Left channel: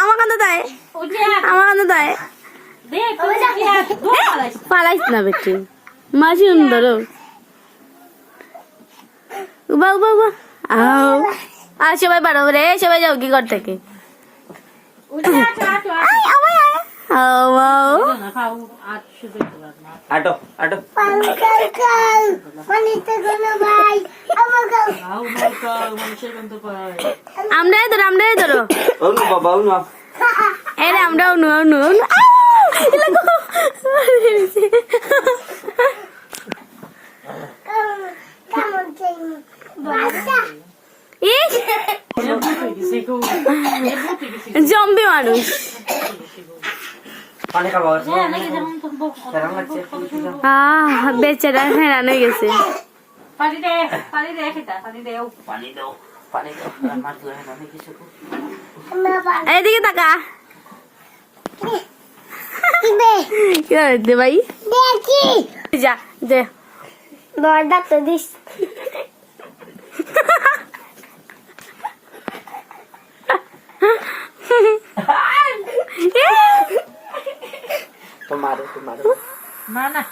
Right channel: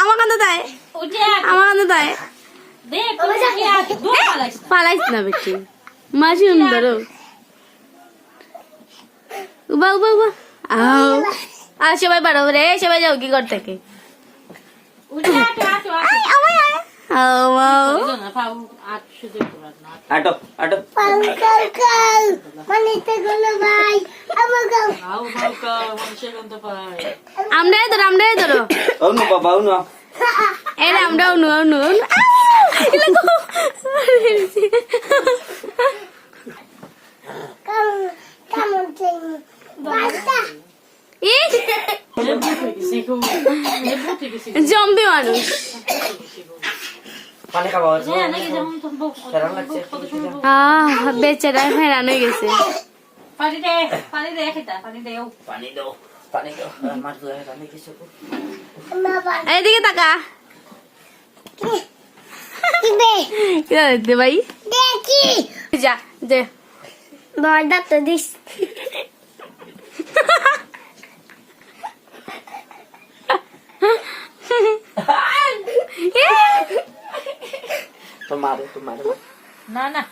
আমার কাছে দেয় আমার কাছে দেয় পালাইস না বেটি মাঝি ধরো উবা উবা উবা আও আর সবাই বাড়ো রে সবাই যাও কি ঘর থেকে আটো আটো আমরাই ধরো అవును బాబా అవును এই আমরা অনু অনু অনু জম্বি মানুষ পানি খাওয়া বেচারা হেরান হয়ে গেছে পানি দাও পানি দাও মাছ ধরে আমি কিছু এইদিকে তাকা কি হচ্ছে ভাই যা দে বড় তো দিস তোমারে না